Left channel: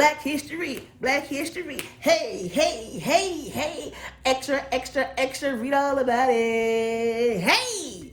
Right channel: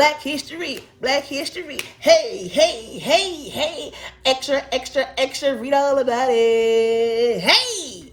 Black history, Black history. Hey, hey, hey, hey. Extra, extra, extra. Read all about it. Hey.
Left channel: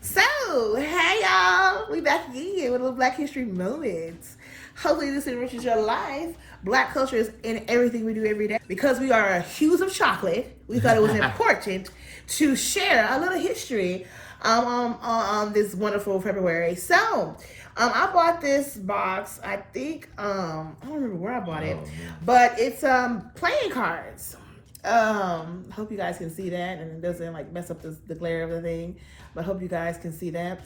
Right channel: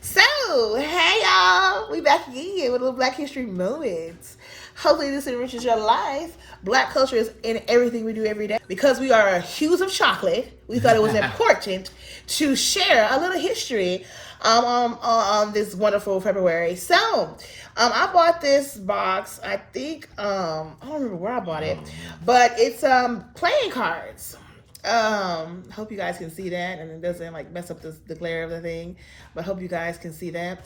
So, hey y'all. We back again with a little Black history moments. Hopefully this enriches your life. Black culture is in everything we do every day. Because we are hues of chocolate, we thought it was important to share a little history on this wonderful February. So, I bought this box. I think I don't remember where I bought it, but it's playing cards. Hope you guys can see that, and it doesn't like mess up the glare of the thing. But hope you guys can see that.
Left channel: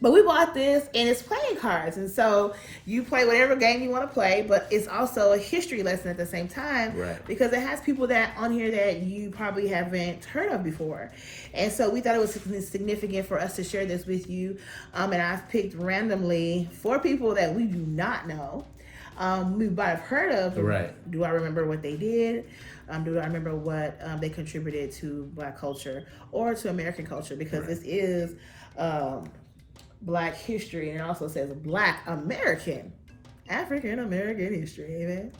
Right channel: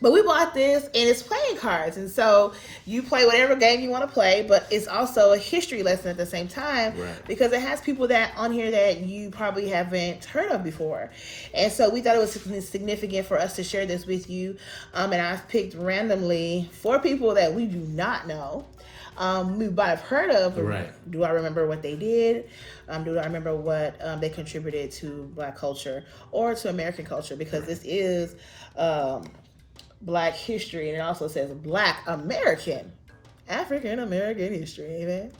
But we bought this, and it's playing cards, and so you play whatever game you want to play, but it's also a history lesson at the same time, right? Because it has people that on here that you probably haven't heard of before, and so we thought it was significant for us to share this with you. And I've picked randomly 4 people that we do not know. We might have heard of, right? Do I remember what they did? Do I remember what they contributed to Black culture or to American culture? Because this is Black history, and it also says Black American, African American history. Amen.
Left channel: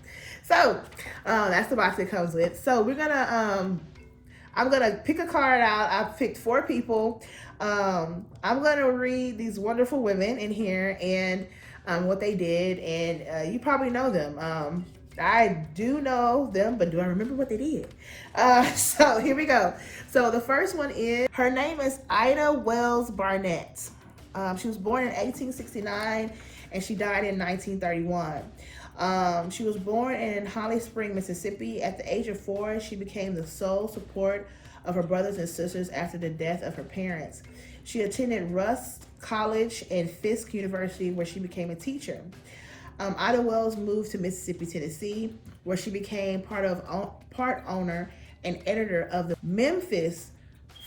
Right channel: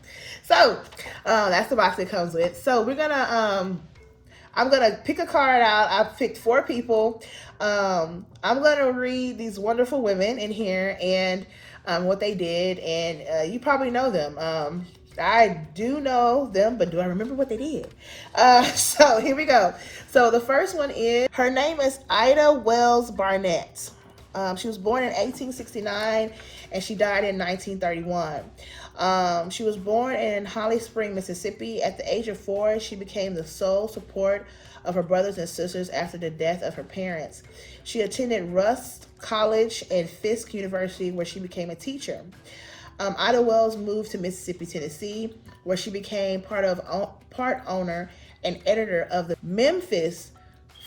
So that's the box it comes with. So we're gonna I'm gonna pick a card out. I've picked 4 people. I'm gonna read these wonderful women in here and what they did, and you probably know them. I do know them, but do I remember what they did? So here we go. So the first one is, her name is Ida Wells Barnett. She was born in 1869 and she died in 1931. She was born in Holly Spring, Mississippi. At the age of 4, she became the sole support of her brothers and sisters after the death of her parents. She attended Rust College and Fisk University, where she became a teacher. Ida Wells moved to Mississippi, Tennessee, where she became part owner and editor of the Memphis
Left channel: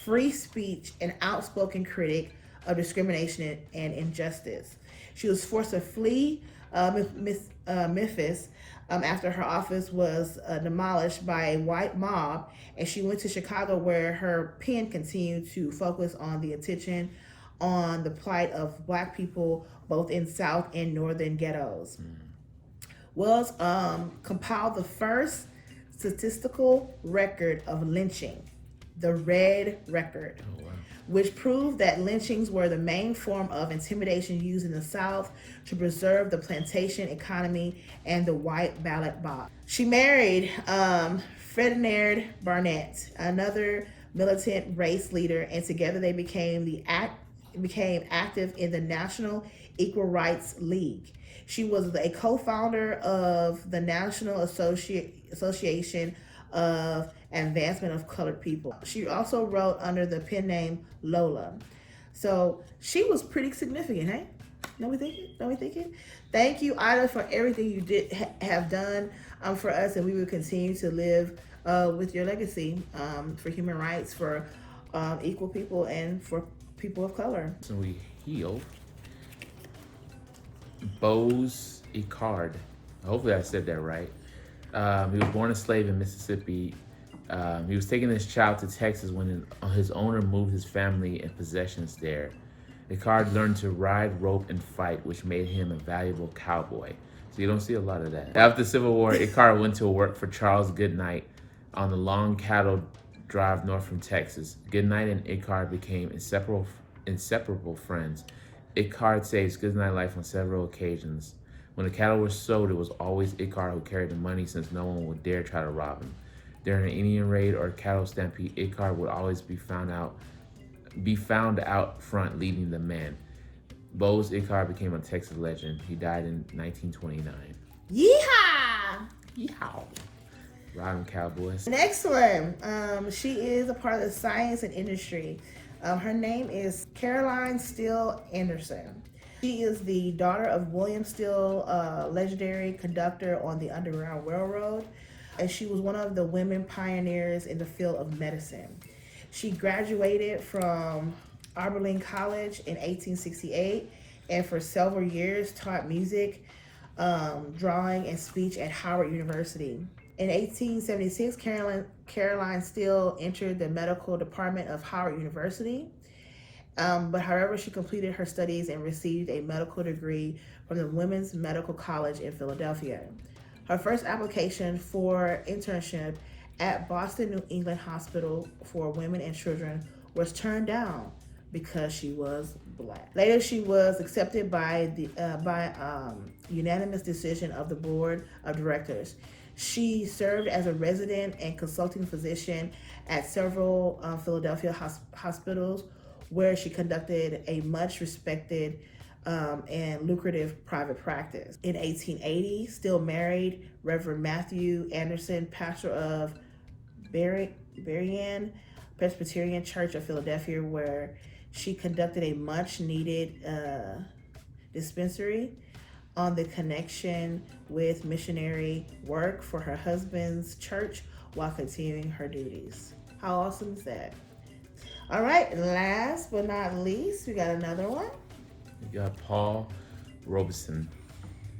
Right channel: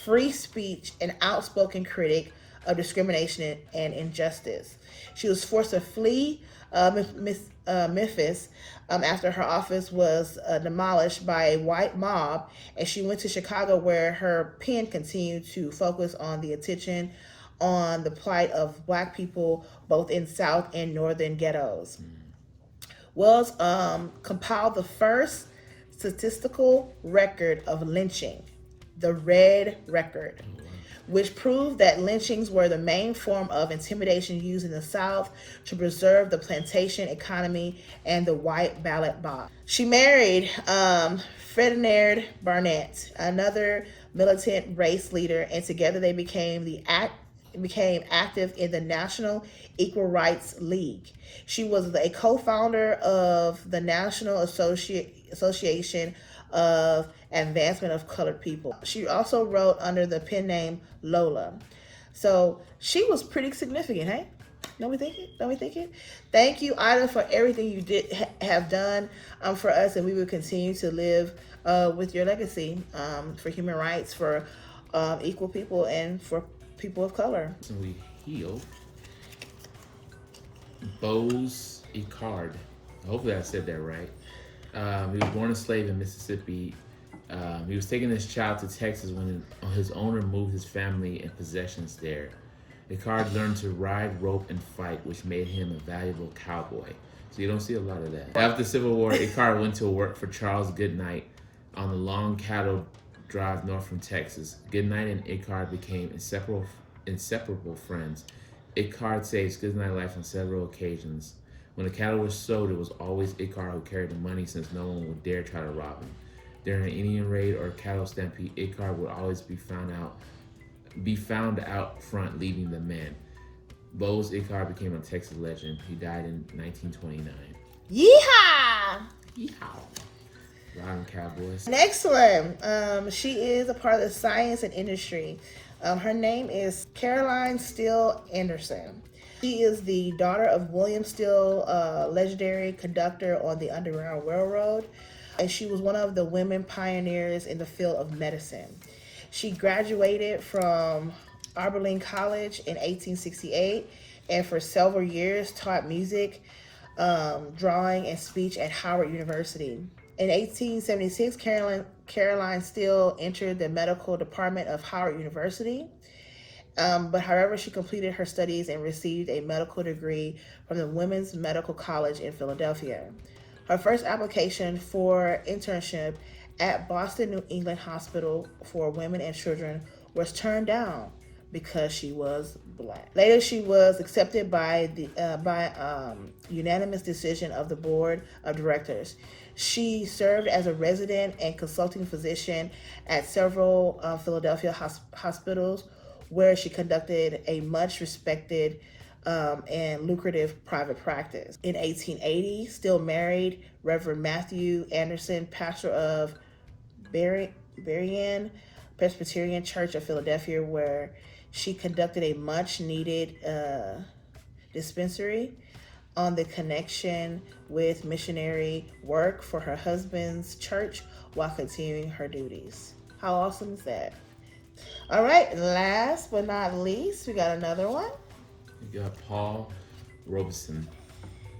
Free Speech and outspoken critic of discrimination and injustice. She was forced to flee Memphis after her office was demolished by a white mob, and she went to Chicago, where her pen continued to focus on the attention on the plight of Black people both in South and Northern ghettos. Wells compiled the first statistical record of lynching, the Red Record, which proved that lynchings were the main form of intimidation used in the South to preserve the plantation economy and the white ballot box. She married Ferdinand Barnett, another militant race leader, and together they became active in the National Equal Rights League. She was a co-founder of the National Association of Advancement of Colored People. She also wrote under the pen name Lola. So she was pretty significant, hey? Don't we thinking? Thank you, Ida, for everything you did have done for us, and we will continue to live with your legacy for human rights, for equal people, and for people of color. So we heal Bose Icard. Hopefully I said that right. He was born a slave in Mississippi. He was taking his child to Texas when his owner moved his family and possessions there. Icard learned to ride, rope, and fight, which made him a valuable cowboy. So you don't see a lot of that. After the Civil War, Icard went to work for Charles Goodnight on the long cattle drive north from Texas. Goodnight and Icard became inseparable friends. Icard saved Goodnight's life on several occasions. When the cattle were sold, it was always Icard who carried the money, since no one would dare try to rob him. During an Indian raid or cattle stampede, Icard would always be found out front leading the men. Bose Icard became a Texas legend. He died in 1929. Yeehaw! Yeehaw! Riding Cowboys. Next one. She is a part of the science and industry. Her name is Caroline Steele Anderson. She is the daughter of William Steele, legendary conductor on the Underground Railroad, and she was one of the women pioneers in the field of medicine. She graduated from Oberlin College in 1868, and for several years taught music, drawing, and speech at Howard University. In 1876, Caroline Steele entered the medical department of Howard University, But however, she completed her studies and received a medical degree from the Women's Medical College in Philadelphia. Her first application for internship at Boston New England Hospital for Women and Children was turned down because she was black. Later, she was accepted by the unanimous decision of the board of directors. She served as a resident and consulting physician at several Philadelphia hospitals, where she conducted a much respected and lucrative private practice. In 1880, still married, Reverend Matthew Anderson, pastor of Berean Presbyterian Church of Philadelphia, where she conducted a much needed dispensary on the connection with missionary work for her husband's church while continuing her duties. How awesome is that? All right, last but not least, we got another one. We got Paul Robeson.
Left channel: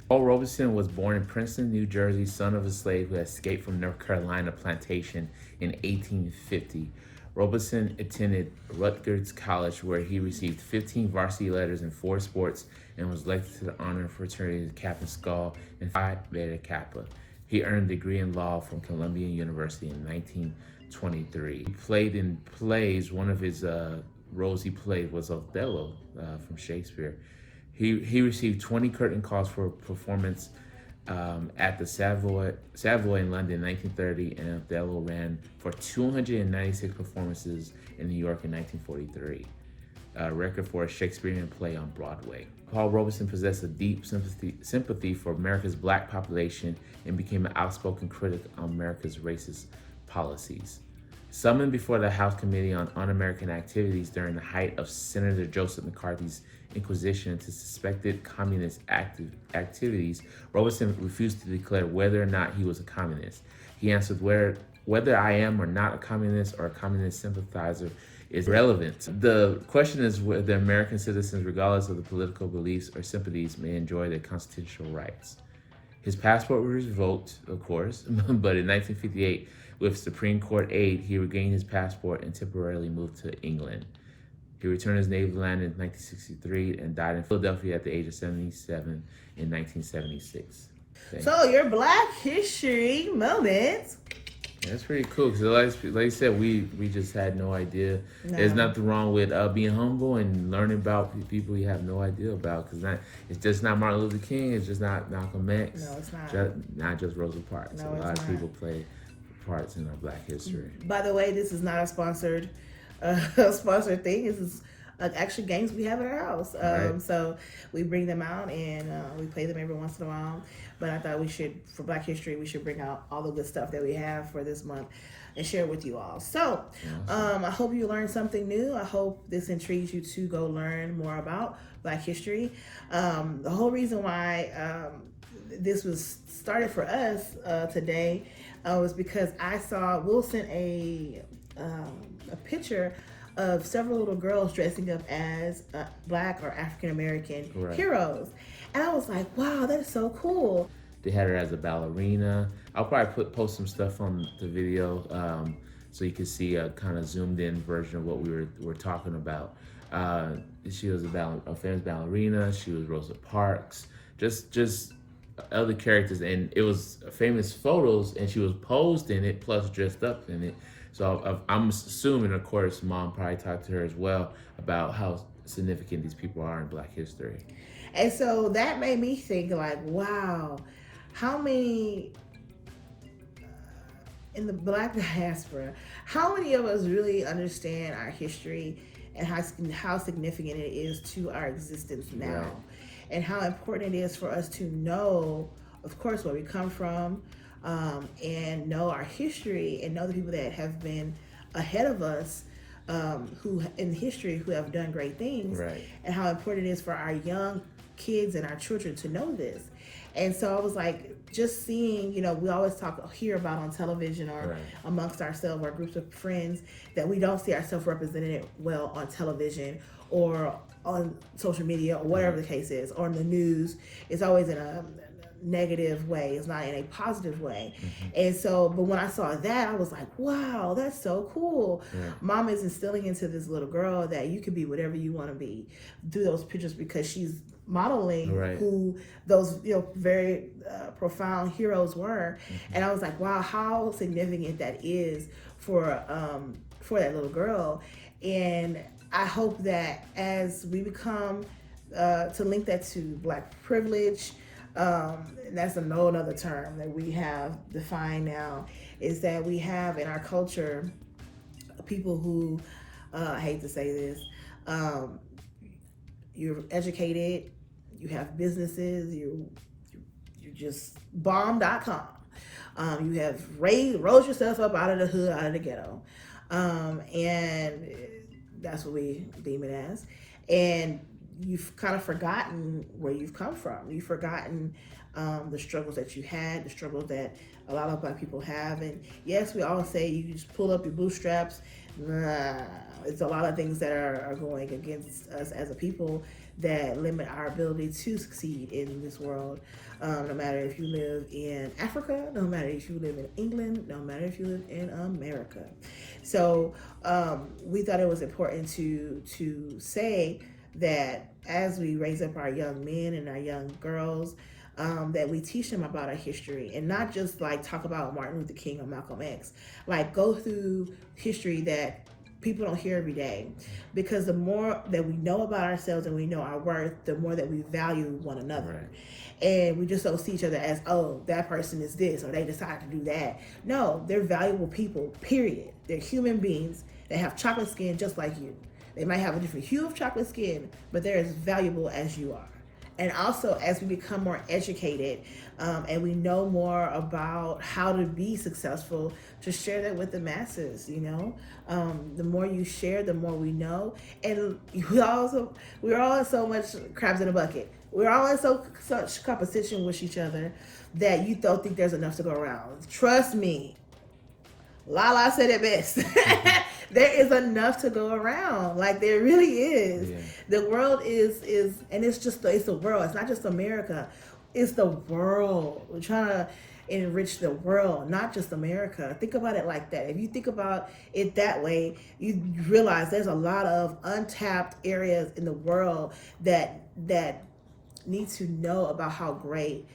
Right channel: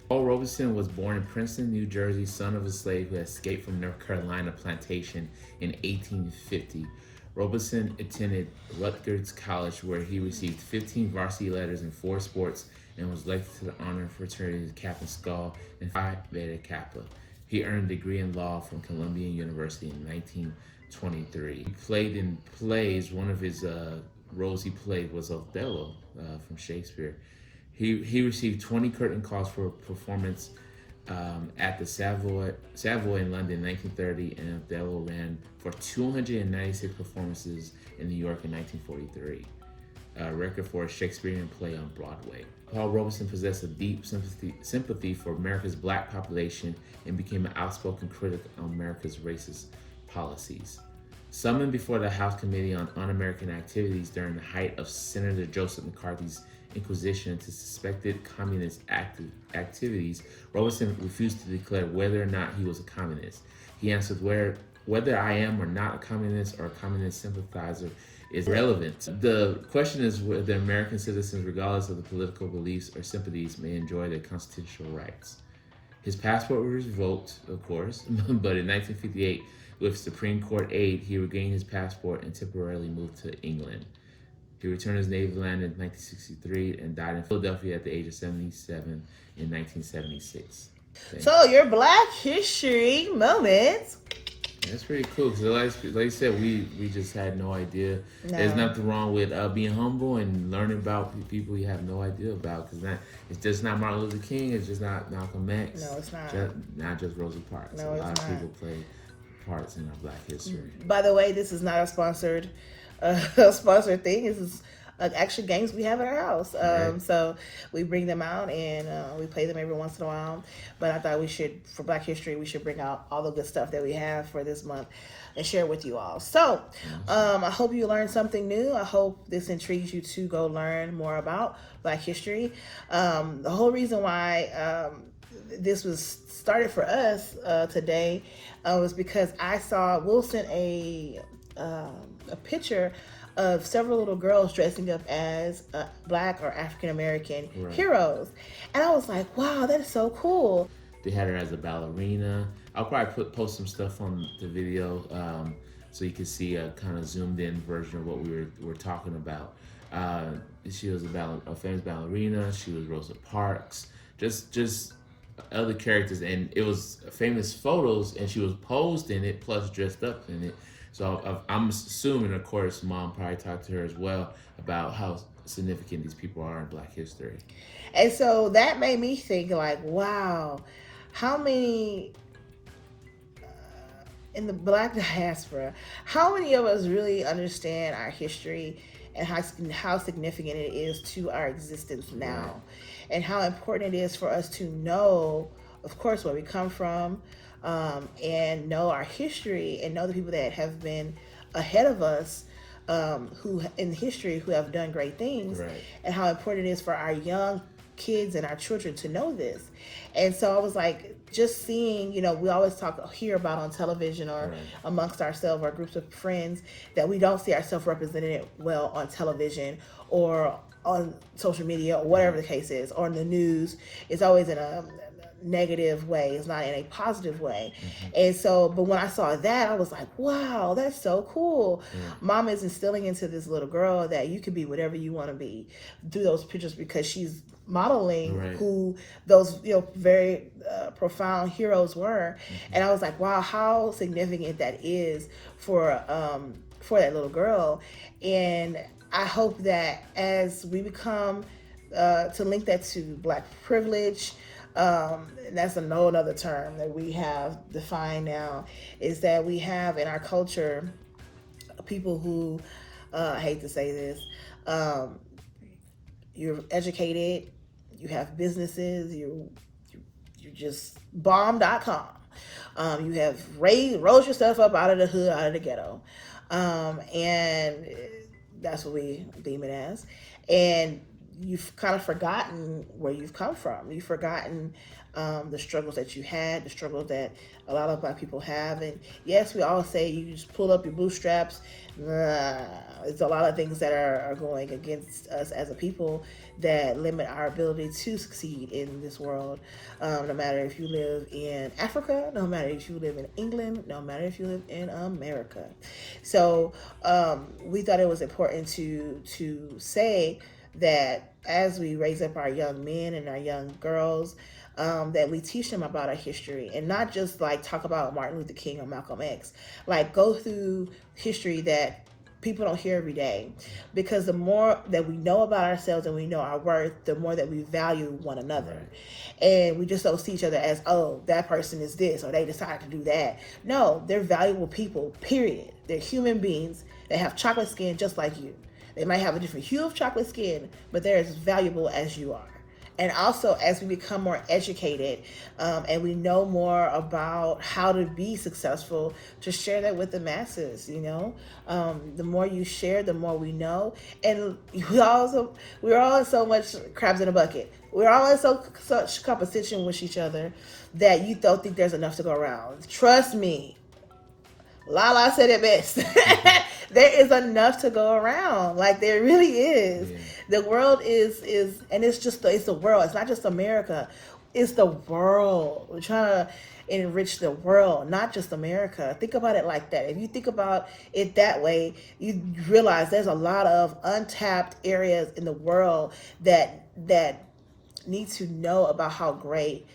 Paul Robeson was born in Princeton, New Jersey, son of a slave who escaped from North Carolina plantation in 1850. Robeson attended Rutgers College, where he received 15 varsity letters in 4 sports and was elected to the honor fraternity Kappa Skol and Phi Beta Kappa. He earned a degree in law from Columbia University in 1923. He played in plays. One of his roles he played was Othello from Shakespeare. He received 20 curtain calls for performance at the Savoy in London in 1930, and Othello ran for 296 performances in New York in 1943, a record for a Shakespearean play on Broadway. Paul Robeson possessed a deep sympathy for America's black population and became an outspoken critic on America's racist policies. Summoned before the House Committee on Un-American Activities during the height of Senator Joseph McCarthy's inquisition into suspected communist activities, Robeson refused to declare whether or not he was a communist. He answered, whether I am or not a communist or a communist sympathizer is irrelevant. The question is whether American citizens, regardless of the political beliefs or sympathies, may enjoy their constitutional rights. His passport was revoked, of course, but in 1958, with Supreme Court aid, he regained his passport and temporarily moved to England. He returned his native land in 1963 and died in Philadelphia at the age of 77 in 1976. So your Black History moment. That's pretty cool because, like you said, we just had no idea. No. There's nothing wrong with being humble and learning about people you have no idea about, because it's just not Martin Luther King. It's just not Malcolm X. No, it's not. Not just Rosa Parks. No, a lot of people play parts in our Black history. By the way, this is not a sponsored thing. This is actual games we have in our house. Right. So we bring them out and we play them every once in a while. But I thought we should, for Black History, we should bring out all the good stuff that we have for this month and share with you all. So I hope you learned something new. I hope this intrigues you to go learn more about Black history. The whole reason why this was started for us today was because I saw Will sent a picture of several little girls dressing up as Black or African American heroes, and I was like, "Wow, that is so cool." They had her as a ballerina. I'll probably post some stuff on the video so you can see a kind of zoomed in version of what we were talking about. She was a famous ballerina. She was Rosa Parks. Just other characters, and it was famous photos, and she was posed in it plus dressed up in it. So I'm assuming, of course, Mom probably talked to her as well about how significant these people are in Black history. And so that made me think, like, wow, how many in the Black diaspora, how many of us really understand our history and how significant it is to our existence now, right, and how important it is for us to know, of course, where we come from, and know our history and know the people that have been ahead of us, who in history who have done great things, right, and how important it is for our young kids and our children to know this. And so I was like, just seeing, we always hear about on television or right, amongst ourselves or groups of friends that we don't see ourselves represented well on television or on social media or whatever the case is, or in the news. It's always in a negative way. It's not in a positive way. And so, but when I saw that, I was like, wow, that's so cool. Mom is instilling into this little girl that you can be whatever you want to be through those pictures, because she's modeling who those very profound heroes were. And I was like, wow, how significant that is for that little girl. And I hope that as we become to link that to Black privilege, that's another term that we have defined now, is that we have in our culture people who I hate to say this, you're educated, you have businesses, you just bomb.com, you have rose yourself up out of the hood, out of the ghetto, and that's what we deem it as. And you've kind of forgotten where you've come from. You've forgotten the struggles that you had, the struggles that a lot of Black people have. And yes, we all say you just pull up your bootstraps. It's a lot of things that are going against us as a people that limit our ability to succeed in this world. No matter if you live in Africa, no matter if you live in England, no matter if you live in America. So we thought it was important to say that as we raise up our young men and our young girls, that we teach them about our history, and not just like talk about Martin Luther King or Malcolm X. Like, go through history that people don't hear every day, because the more that we know about ourselves and we know our worth, the more that we value one another. And we just don't see each other as, oh, that person is this or they decided to do that. No, they're valuable people, period. They're human beings that have chocolate skin just like you. They might have a different hue of chocolate skin, but they're as valuable as you are. And also, as we become more educated and we know more about how to be successful, just share that with the masses, the more you share, the more we know. And we're all in so much crabs in a bucket. We're all in such competition with each other that you don't think there's enough to go around. Trust me. Lala said it best. There is enough to go around. Like, there really is. Yeah. The world is, and it's the world. It's not just America. It's the world. We're trying to enrich the world, not just America. Think about it like that. If you think about it that way, you realize there's a lot of untapped areas in the world that need to know about how great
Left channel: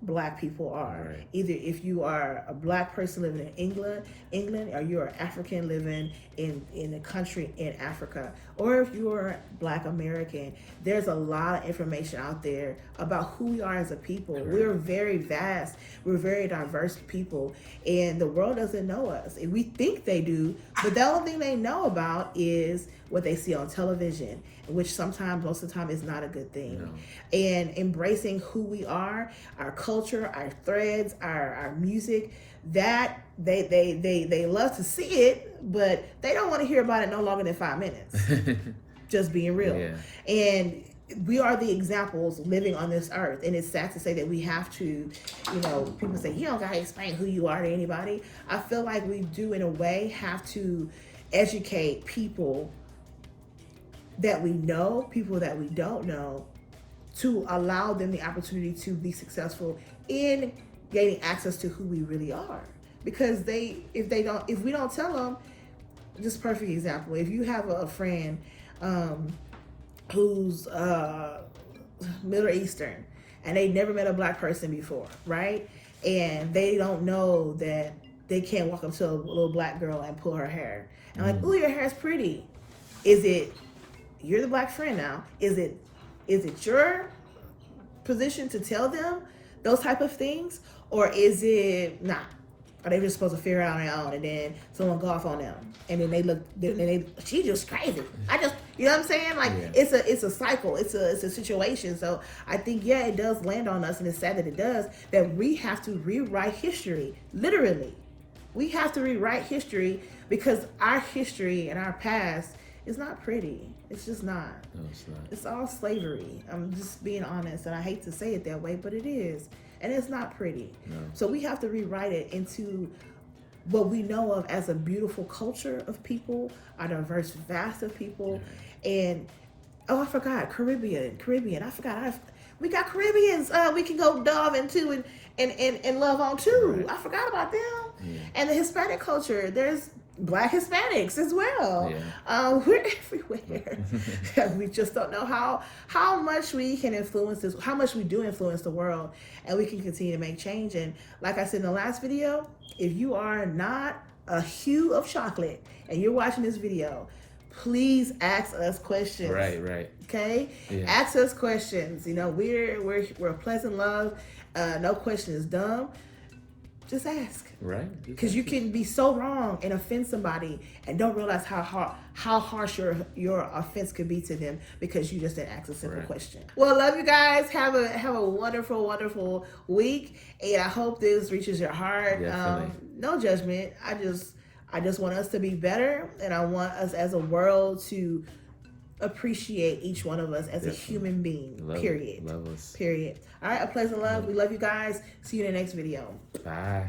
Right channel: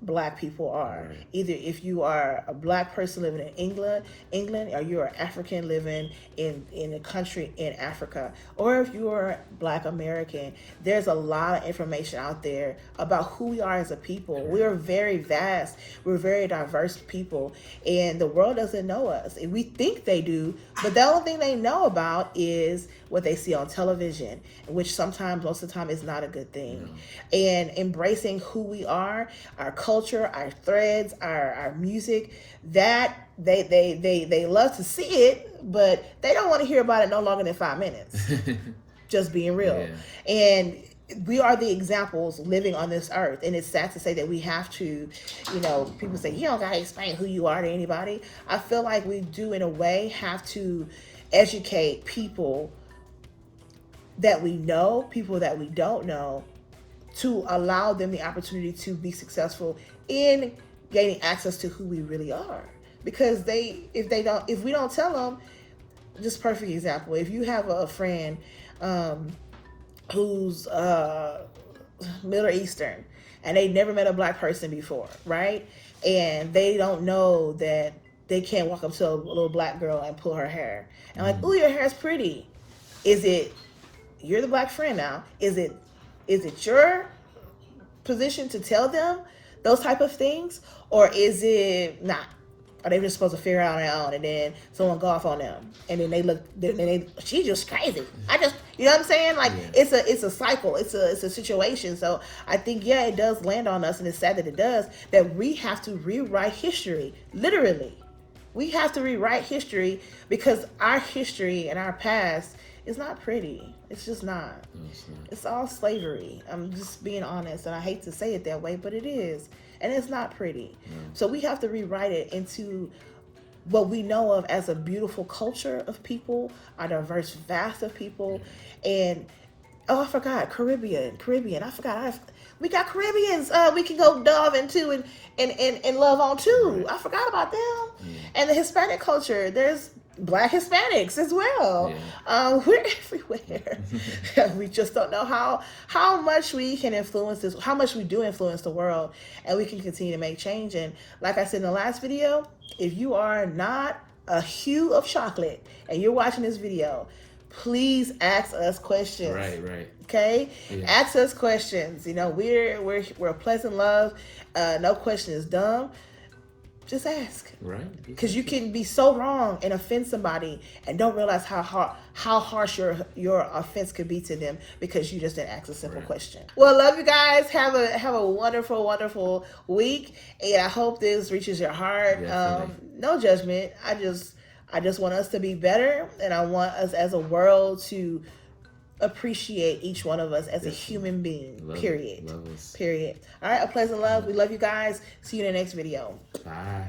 Black people are. Either if you are a Black person living in England, or you're African living in a country in Africa, or if you are Black American, there's a lot of information out there about who we are as a people. We're very vast. We're very diverse people, and the world doesn't know us. And we think they do, but the only thing they know about is what they see on television, which sometimes, most of the time, is not a good thing. And embracing who we are, our culture, our threads, our music, that they love to see it, but they don't want to hear about it no longer than 5 minutes. Just being real. Yeah. And we are the examples living on this earth, and it's sad to say that we have to, people say, you don't gotta explain who you are to anybody. I feel like we do, in a way, have to educate people that we know, people that we don't know, to allow them the opportunity to be successful in gaining access to who we really are. Because if we don't tell them, just perfect example, if you have a friend who's Middle Eastern and they never met a Black person before, right? And they don't know that they can't walk up to a little Black girl and pull her hair. And like, ooh, your hair's pretty. You're the Black friend now. Is it your position to tell them those type of things, or is it not? Are they just supposed to figure it out on their own, and then someone go off on them, and then she's just crazy. You know what I'm saying? Like, it's a cycle. It's a situation. So I think, it does land on us, and it's sad that it does, that we have to rewrite history. Literally, we have to rewrite history, because our history and our past is not pretty. It's just not. No, it's not. It's all slavery. I'm just being honest, and I hate to say it that way, but it is. And it's not pretty. No. So we have to rewrite it into what we know of as a beautiful culture of people, a diverse vast of people. And I forgot Caribbean. I forgot We got Caribbeans. We can go delve into and love on too. Right. I forgot about them. Yeah. And the Hispanic culture. There's Black Hispanics as well. Yeah. We're everywhere. We just don't know how much we can influence this, how much we do influence the world, and we can continue to make change. And like I said in the last video, if you are not a hue of chocolate and you're watching this video, please ask us questions. Right. Okay? Yeah. Ask us questions. You know, we're pleasant love. No question is dumb. Just ask. Right. Because you can be so wrong and offend somebody and don't realize how harsh your offense could be to them because you just didn't ask a simple question. Well, love you guys. Have a wonderful week, and I hope this reaches your heart. No judgment. I just want us to be better, and I want us as a world to appreciate each one of us as a human being. Period. Love us. Period. All right. A pleasant love. We love you guys. See you in the next video. Bye.